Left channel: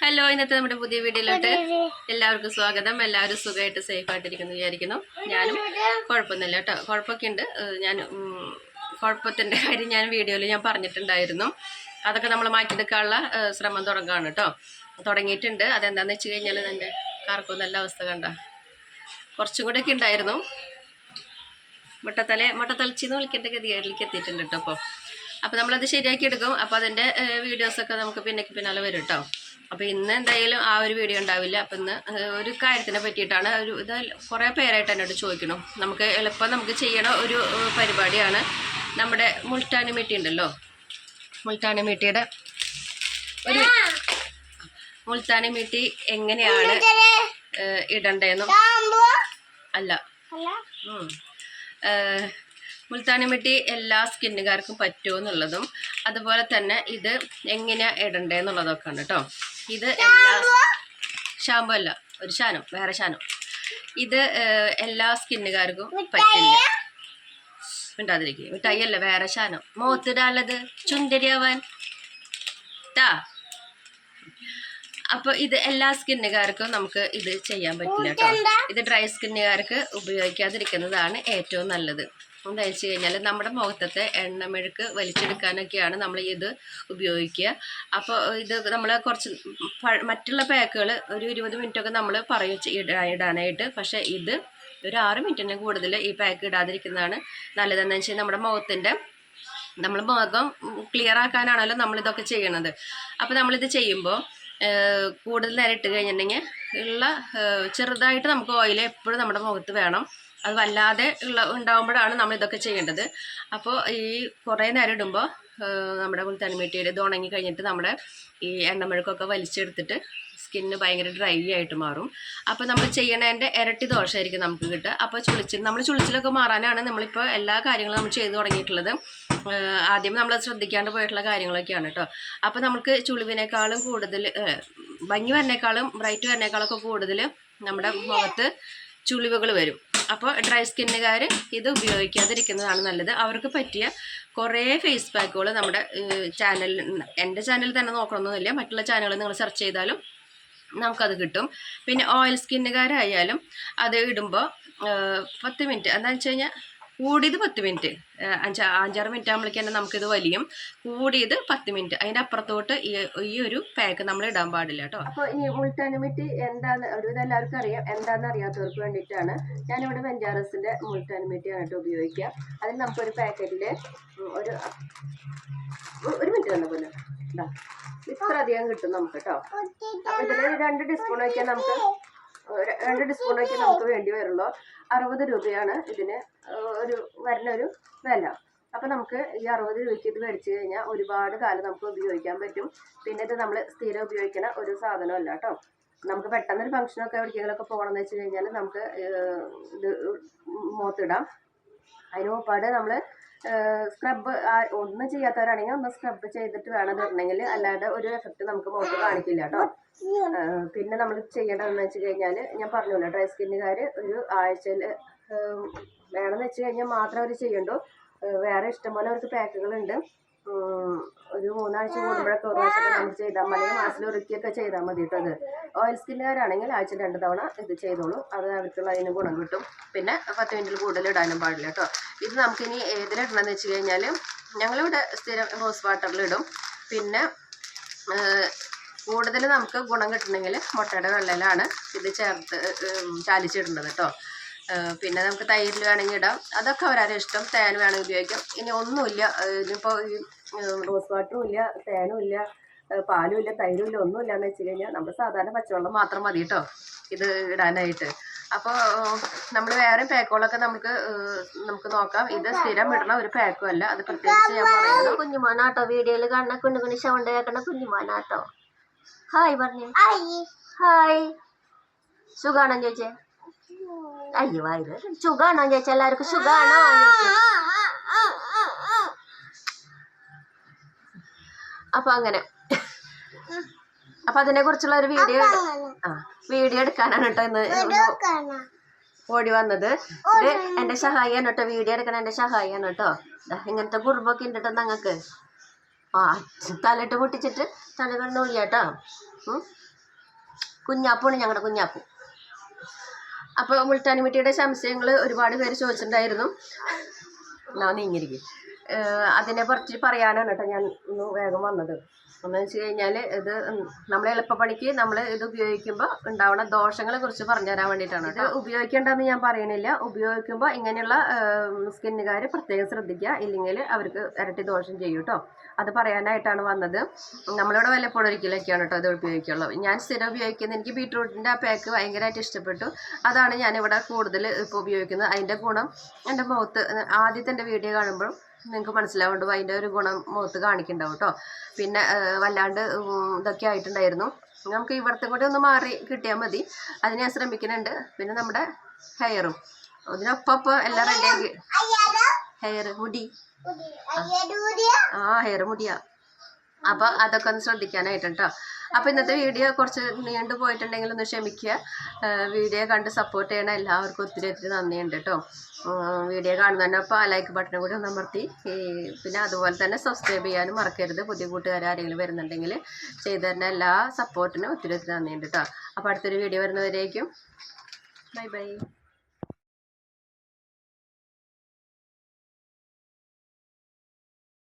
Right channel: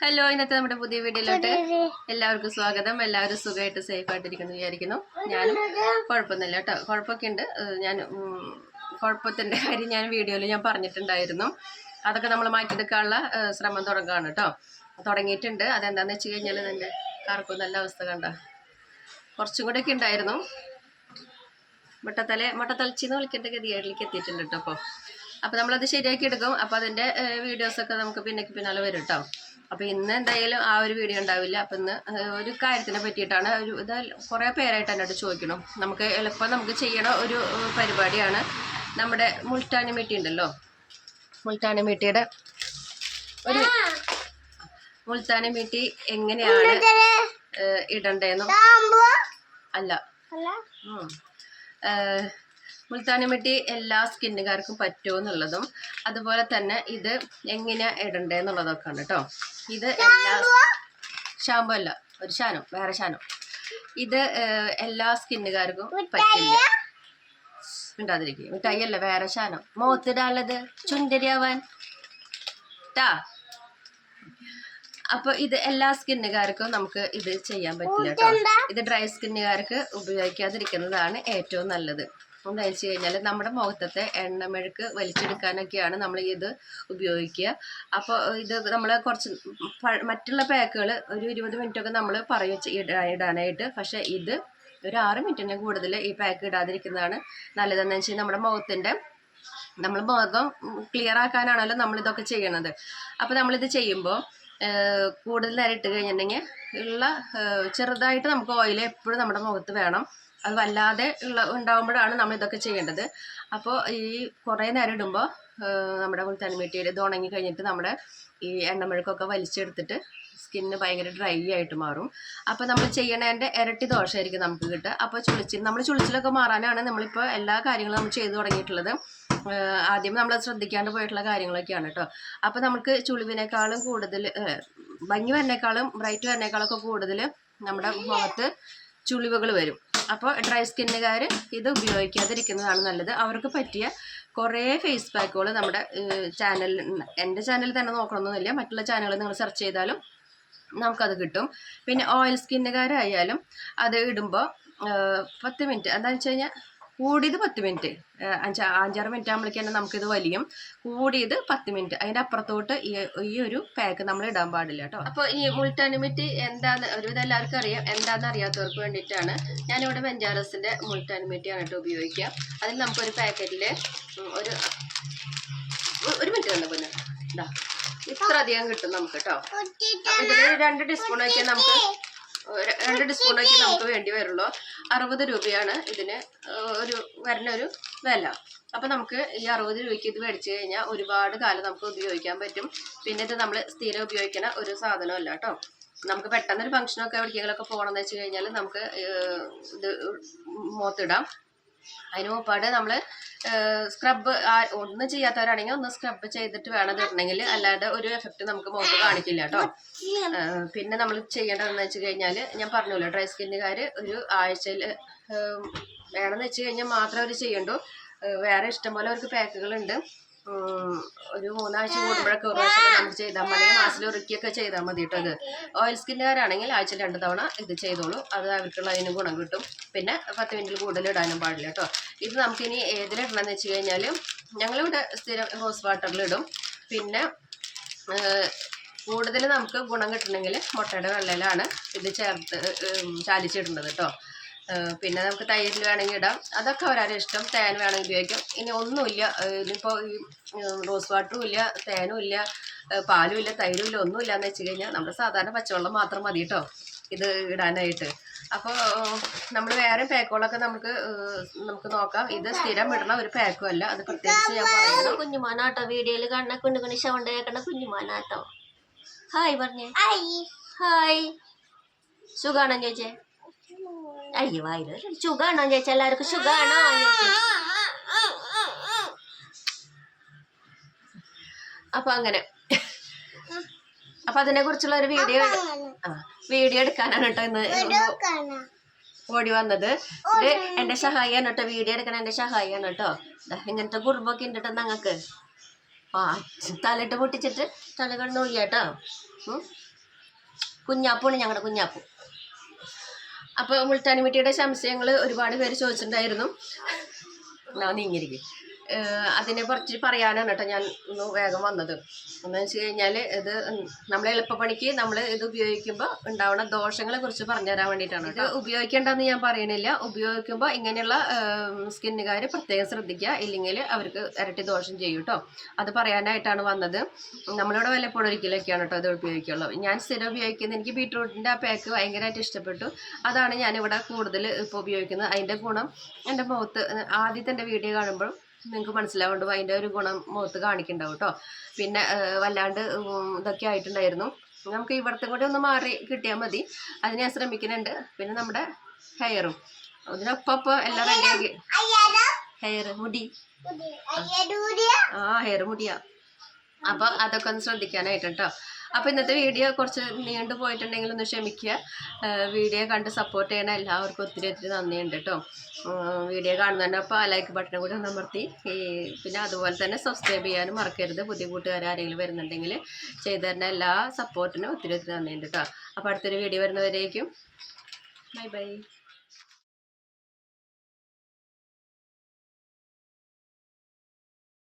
Hello ഇന്നത്തെ നമ്മുടെ പുതിയ വീഡിയോയിലോട്ട് എല്ലാവർക്കും സ്വാഗതം. എല്ലാവരും സുഖമായിട്ട് സേഫ് ആയിട്ടിരിക്കുന്നു വിചാരിക്കുന്നു. ഞാനും കുഴപ്പമൊന്നുമില്ല കേട്ടോ. കുഴപ്പമൊക്കെ ഉണ്ട്. ഞാൻ കുഴപ്പത്തിന്റെ കാര്യം ഞാൻ വീഡിയോയിൽ ഞാൻ പറഞ്ഞിട്ടുണ്ടായിരുന്നു. അതൊക്കെ നമ്മൾ മാറ്റിയെടുക്കാനുള്ള ശ്രമം തുടങ്ങുകയാണ് കേട്ടോ. തുടങ്ങിയിട്ടുണ്ട്. അതെന്താണെന്ന് വെച്ച് കഴിഞ്ഞാൽ എന്റെ കാർക്കും നല്ല അവസ്ഥ കണ്ട. കുറച്ചും കൂടെയൊക്കെ ഉണ്ടായിരുന്നു. മുട്ടത്തല മുട്ടത്തലച്ചിന്ന് വിളിക്കേണ്ട ഗതികളിലേക്ക് എത്തിയിട്ടുണ്ട് കേട്ടോ അപ്പോൾ അപ്പോൾ നമ്മളത് ശരിയാക്കി എടുക്കും. അപ്പോൾ അതിന്റെ വീഡിയോസൊക്കെ നമുക്ക് പിന്നെ പിന്നാലെ വരും കേട്ടോ അപ്പോൾ ഇന്ന് എന്തായാലും ആ ഒരു വീഡിയോ ഉണ്ടാവില്ല. അപ്പോൾ ഇന്ന് ഒരു കാര്യത്തിനെ പറ്റിയിട്ടാണ് ഒരു ഇത് കുറേ പേരായിട്ട് എന്നോട് ചോദിക്കണം. നമുക്ക് എളുപ്പം നമുക്ക് ചെയ്യണ ഒരു പരിപാടിയാണ് നമ്മുടെ മുൾട്ടാനി മീട്ടി ഉണ്ടല്ലോ. മുൾട്ടാനി മീട്ടിയുടെ ഒരു മുൾത്താനി മീട്ടി എങ്ങനെയാണ് ഇടണ്ടേന്നും? അല്ല. ഉം. മെട്ടി എല്ലാ സ്കിന്നുകാർക്കും പറ്റുമോ എന്നുള്ളതും അതുപോലെ തന്നെ ഇത് എങ്ങനെയാ ഉണ്ട് കേട്ടോ ഇത് എല്ലാ ഷാമ്പു അല്ല ഒരു ശാനം വേറെ ശാനം. ഇത് എല്ലാ സ്കിന്നുകാർക്കും പറ്റില്ല. മിണ്ടാതിരിക്കുക മിഠായി അല്ല വേറെ ശാനം. മുഖത്തിടാനുള്ളത് ചുണ്ടരിയാവാൻ. ടാ അപ്പോൾ ഇത് എല്ലാ സ്കിന്നുകാർക്കും നമുക്ക് ഇത് ചെയ്യാൻ പറ്റില്ല കേട്ടോ ഇത് ഡ്രൈ സ്കിന്നുകാർക്ക് ഉപയോഗിക്കാതിരിക്കുന്നതാണ് ഏറ്റവും നല്ലത്. എന്താ വെച്ച് കഴിഞ്ഞാൽ നമ്മുടെ മുഖത്തത്തെ എണ്ണമെഴുക്ക് വലിച്ചെടുക്കാനൊക്കെയാണ് നമ്മൾ ഇത് ഉപയോഗിക്കുക. അപ്പോൾ ഇത് നമ്മൾ കുറച്ച് മറ്റുള്ള പാക്കുകൾ ഒരു ഇരുപത് മിനിറ്റൊക്കെ നമ്മൾ പറയും ഇടാനായിട്ട്. പക്ഷേ ഇത് ഒരു ആറ് മിനിറ്റിന് കൂടുതൽ ഈ പാക്ക് ഇടാതിരിക്കുന്നതാണ് നല്ലതെന്ന് വെച്ചാൽ നമ്മുടെ മുഖത്തിന്റെ നമ്മൾ മുഖം ക്ലിയർ ആക്കാനാണല്ലോ നമ്മളിതൊക്കെ ചെയ്യണത്. അപ്പോൾ നമ്മളിത് ചെയ്യുമ്പോൾ കൂടുതൽ നേരം ഇട്ട് കഴിഞ്ഞിട്ടുണ്ടെങ്കിൽ ഉള്ള ചെറുതായിട്ട് നമുക്ക് ഓയിൽ എപ്പോഴും നമ്മുടെ മുഖത്ത് വേണം. അത് വല്ലാതെ ഉള്ള ഉണ്ടാകുമ്പോഴാണ് നമ്മൾ ഇതൊക്കെ ചെയ്യേണ്ടത്. അപ്പോൾ ഈ കുറേ നേരം ഇടുമ്പോൾ നമ്മുടെ തനിമീട്ടിയിൽ ഇത് ഉണങ്ങി കഴിഞ്ഞിട്ട് നമ്മുടെ ഈ എണ്ണമെഴുക്കൊക്കെ വലിച്ചെടുത്തിട്ട് സ്കിന്ന് ഭയങ്കര ഡ്രൈ ആയിട്ട് മാറും. അപ്പോൾ നമ്മൾ ചെയ്യണതിന്റെ ഇരട്ടി ദോഷമായിരിക്കും നമുക്ക് കിട്ടുക. അപ്പോൾ ചുളിച്ചിൽ നമ്മൾ ചുളിച്ചിലൊക്കെ മാറാനാണ് നമ്മളിപ്പോൾ എല്ലാ കാര്യങ്ങളും നമ്മൾ ചെയ്തു തുടങ്ങിയിട്ടുള്ളത്. ആദ്യം നമ്മൾ ശ്രദ്ധിക്കാണ്ട് പോയിട്ടുള്ള കാര്യങ്ങളൊക്കെയാണ് കേട്ടോ അപ്പോൾ നമുക്ക് ചുളിവിനേക്കാളും കൂടുതൽ ഭംഗി വരുന്നേക്കാളും ബ്രൈറ്റ് വരുന്നേക്കാളൊക്കെ കൂടുതൽ നമ്മുടെ മുഖത്ത് ചുളിവുകൾ വരും. അപ്പോൾ ഡ്രൈ സ്കിന്നുകാർ ഇത് ഉപയോഗിക്കാതിരിക്കുന്നതാണ് നല്ലത്. അവർക്ക് പറ്റിയ കുറേ ഫേസ് പാക്കുകൾ നമ്മുടെ ചാനലിൽ എന്റെ ചാനലിൽ തന്നെ നോക്കണമെന്നൊന്നുമില്ല മറ്റുള്ള ചാനലുകൾ നിങ്ങൾ സെർച്ച് ചെയ്താലും നമുക്കത് കിട്ടും. പിന്നെ ഓയിൽ സ്കിന്നുകാരായാലും അത് ഇടുമ്പോൾ പത്ത് മിനിറ്റ് എന്താണെന്ന് വെച്ച് കഴിഞ്ഞാൽ കൂടിയത് പത്ത് മിനിറ്റ്. അഞ്ചാ അഞ്ചാറ് മിനിറ്റ് ആകുമ്പോഴേക്കും തന്നെ നമുക്കിത് വലിയും. കൂടിയത് പത്ത് മിനിറ്റ്. അതിന്റെ അപ്പുറത്തോട്ട് ഈ ഒരു പാക്ക് നമ്മൾ ഇടാൻ പാടില്ല കേട്ടോ. അപ്പോൾ ഈ മുൾട്ടാനിമിറ്റി എന്താന്ന് ഒരുവിധം എല്ലാവർക്കും അറിയാം. എന്താണെന്ന് അറിയാത്തവർക്ക് വേണ്ടിയിട്ടാണ് ഞാനിവിടെ വെഞ്ചാറസിന്റെ മുൾട്ടാനിമിറ്റിയാണ് കേട്ടോ ഉപയോഗിക്കുക. അതിൽ നമുക്കൊരു പാക്കറ്റിൽ ഒരു ഒരു മിനിറ്റ് തന്നെ പിന്നെ. ഇതാ ഇത്ര അധികം കിട്ടും നമുക്ക് കേട്ടോ. ഇതിൽ രണ്ട് ടീസ്പൂൺ വയ്ക്കാൻ നമുക്ക് രണ്ട് ടീസ്പൂൺ വയ്ക്കാൻ നമുക്ക് വേണ്ടി വരുള്ളൂ. അറുപത് രൂപയാണ് ഇതിന് ഒരു വരുന്ന ഒരു വില. അപ്പോൾ നമുക്ക് ഈ അറുപത് രൂപയ്ക്ക് ഇത് മേടിച്ച് കഴിഞ്ഞാൽ ഒരുപാട് കാലം നമുക്ക് ഉപയോഗിക്കാൻ പറ്റും. പിന്നെ ഇത് നമ്മൾ സ്ഥിരം ഉപയോഗിക്കുന്ന ഒരു സാധനമല്ല കേട്ടോ നമുക്ക് പെട്ടെന്നൊരു ഫംഗ്ഷനൊക്കെ എവിടേക്കെങ്കിലൊക്കെ പോകണമെന്ന് വെച്ച് കഴിഞ്ഞാൽ നമുക്ക് ഇത് മുഖത്തിടാം. അതിന് മുമ്പാട് നമ്മൾ സ്ക്രബ് ഒന്നും ചെയ്യാത്തവരാണെങ്കിൽ ഒന്ന് സ്ക്രബ് ചെയ്തിട്ട് വേണം ഇടണമെങ്കിൽ. അല്ലാതെ ഒരു എഫക്റ്റ് നമുക്ക് മുഖത്ത് കാണിക്കില്ല കേട്ടോ. പിന്നെ നമ്മൾ ചെയ്യേണ്ടതെന്ന് വെച്ച് കഴിഞ്ഞാൽ ഞാൻ പറഞ്ഞല്ലോ ഡ്രൈ സ്കിന്നുകാർ ഒരു ആഴ്ചയിൽ വേണമെന്ന് വെച്ച് കഴിഞ്ഞാൽ മാത്രം അവർ ചെയ്യണ്ടു വേറെ ഇഷ്ടംപോലെ അവർക്ക് പാക്കുകളുണ്ട്. ഒരു മൂന്നാഴ്ച കൂടുമ്പോഴൊക്കെ ഒരു പ്രാവശ്യമൊക്കെ നമ്മൾ ചെയ്താൽ മതി. മാസത്തിൽ ഒരുക്കിയൊക്കെ ചെയ്താൽ മതി കേട്ടോ അത് ഓയിൽ സ്കിന്നുകാരാണെങ്കിൽ ആഴ്ച രണ്ട് തവണ ഇത് ചെയ്തോളൂ. അത് അവർക്കുള്ള അതിന് ഗുണം കിട്ടും. പിന്നെ പത്ത് മിനിറ്റിൽ കൂടുതൽ ഇടാനും പാടില്ല കേട്ടോ ഇത് നമുക്കിനി ഏതിലിടണമെന്ന് വെച്ച് കഴിഞ്ഞാൽ ഞങ്ങളിവിടെ സ്ഥിരം റോസ് വാട്ടറിലിടും പിന്നെ കൂടുതൽ നമുക്ക് ഗുണം കിട്ടണമെങ്കിൽ മുട്ടയുടെ വെള്ളയിലാണ് ഇത് ചേർത്ത് ചാലിച്ചിടേണ്ടത് കേട്ടോ പിന്നെ നമുക്ക് തൈരിൽ വേണമെങ്കിൽ ഇടാം. അതൊക്കെ അവരാരെ ഇഷ്ടം. തേൻ വേണമെങ്കിൽ ഉപയോഗിക്കാം. ഇനി ഒന്നുമില്ല ഇനിയിപ്പോൾ ഈ റോസ് വാട്ടറും ഇല്ല തേനും ഇല്ല പാലും ഇല്ല തൈരും ഇല്ല ഒന്നുമില്ല എന്ന് വെച്ച് കഴിഞ്ഞാൽ നമ്മൾ സാധാരണ പച്ചവെള്ളം മാത്രം മതി കേട്ടോ. ഇത് ഇടാനായിട്ട്. അപ്പോൾ നമ്മൾ വേറെ പാക്കുകളൊക്കെ നമുക്ക് നമുക്ക് നോക്കാം. ഇത് സ്ഥിരം ഇടണ ഒരു പാക്കും അല്ല. അത് പ്രത്യേകിച്ച് ഞാൻ പറയുന്നു കുഞ്ഞുമോനാട്ടോ വീഡിയോയിൽ കാണുന്ന കുഞ്ഞു കുഞ്ഞു സൗണ്ട് കേൾക്കണ കുഞ്ഞുമോനാട്ടോ. ഹായ് പറഞ്ഞേ. ഹായ് സുഖാണോ ചോദിച്ചേ? അയ്യോ വായിൽ സുഖാണോ ചേച്ചി എല്ലാവർക്കും സുഖാണോ അപ്പൊ അങ്ങനെ. അപ്പൊ അതിനെ കുറിച്ചുള്ള ഒരു വീഡിയോ ആ വീഡിയോ എടുക്കാനാണ് കേട്ടോ ഇന്ന് ഓടി വന്നത്. ഇത് എന്റെ സഹായിയാണ് കേട്ടോ വീഡിയോ എടുക്കണ എന്റെ സഹായിയാണ് കേട്ടോ. ഇങ്ങനത്തെ കുറുമ്പൊക്കെ ഉണ്ട് കേട്ടോ ഞങ്ങൾക്ക് ആ തലയിട്ട് പൊട്ടിച്ചിട്ട് തല കണ്ണൂല്ല കേട്ടോ. ഉം. ഞങ്ങളുടെ കുഞ്ഞാപ്പു. അപ്പോൾ മുൾട്ടാനിമിട്ടിയുടെ സംശയങ്ങൾ ഒരുപാട് പേര് ചോദിച്ചിട്ടുണ്ടായിരുന്നു. ഞാൻ നീങ്ങിരിക്കും അതിനെ കുറിച്ച് പറയാനാണ് കേട്ടോ ഞാൻ ഒന്ന് വേഗം വന്നത്. എന്ന് വെച്ച് കഴിഞ്ഞാൽ ഇത് നമ്മൾ എളുപ്പപ്പണിക്ക് നമ്മൾ ഇത് ഉപയോഗിക്കുമ്പോൾ ഉണ്ടാവുന്ന ദോഷങ്ങളെ കുറിച്ച് പറഞ്ഞു തരാൻ വേണ്ടിയിട്ടാണ് കേട്ടോ. ഉപയോഗിക്കേണ്ടതെന്ന് ഞാൻ പറയണില്ല ഉപയോഗിക്കുമ്പോൾ ഇങ്ങനെയുള്ള സ്കിന്നുകാർ പ്രത്യേകം ശ്രദ്ധിക്കുക. ഇല്ലെങ്കിൽ അവർക്ക് ഇരട്ടി ദോഷം ചെയ്യും കേട്ടോ. അത് പറയാനായിട്ടാണ് വന്നത്. നമ്മളിവിടെ വല്ലപ്പോഴും ഒരിക്കലൊക്കെയാണ് കേട്ടോ ഇത് ഉപയോഗിക്കുള്ളൂ. ഞാൻ സ്ഥിരം ഉപയോഗിക്കുന്നത് എനിക്ക് ബീട്രൂട്ടിന്റെ ആ പാക്ക് ഭയങ്കരമായിട്ട് ഇഷ്ടപ്പെട്ടു. അതാണ് ഞാനിവിടെ കൂടുതൽ ഇപ്പോൾ ഉപയോഗിക്കുന്നത്. അതിന്റെ ഗുണം എന്റെ മുഖത്ത് ആദ്യത്തെ എന്റെ വീഡിയോ കാണുമ്പോഴും നിങ്ങൾക്ക് മനസ്സിലാവുണ്ട് അതിന്റെ ഒരു ഗുണം മുഖത്ത് കാണിക്കുന്നുണ്ടാവും കേട്ടോ പിന്നെ വല്ലാണ്ട് ഇതൊക്കെ ആയിട്ടുണ്ടായിരുന്നു. നമുക്ക് ഇവിടുത്തെ കൂടെ ഒന്ന് മാറി കിട്ടിയാൽ മതി. അത് ഞാൻ ശ്രമിക്കുന്നുണ്ട്. പിന്നെ നമ്മുടെ ഹെയറും. അതിനൊപ്പം എല്ലാം റെഡിയാക്കി ഹെയർ മുടി. ആ ഹെയർ മുടിയാ. അപ്പൊ അതൊക്കെ ഒന്ന് ശ്രദ്ധിക്കാനായിട്ട് കേട്ടോ അപ്പൊ ഇന്നത്തെ വീഡിയോ കുറച്ച് നീണ്ടു പോയിട്ടുണ്ടെങ്കിൽ ഒന്ന് ക്ഷമിക്കുക. വീഡിയോ കണ്ട് സപ്പോർട്ട് ചെയ്യണ എല്ലാവർക്കും ഒത്തിരി ഒത്തിരി നന്ദിയുണ്ട് കേട്ടോ വീഡിയോ കാണുന്നതന്നെ അപ്പോൾ ആ ലൈക്ക് ബട്ടൺ കൂടി അമർത്തി. പിന്നെ അതുപോലെ തന്നെ സബ്സ്ക്രൈബ് ചെയ്യാനും മറക്കരുത്. പുതിയ കൂട്ടുകാർ ആരെങ്കിലും വരുന്നുണ്ടെങ്കിൽ ചെയ്തു തരുന്ന എല്ലാ സപ്പോർട്ടിനും ഒത്തിരി ഒത്തിരി നന്ദിയുണ്ട് കേട്ടോ അപ്പോൾ അടുത്തൊരു വീഡിയോ വരുന്നവരേക്കും. Bye bye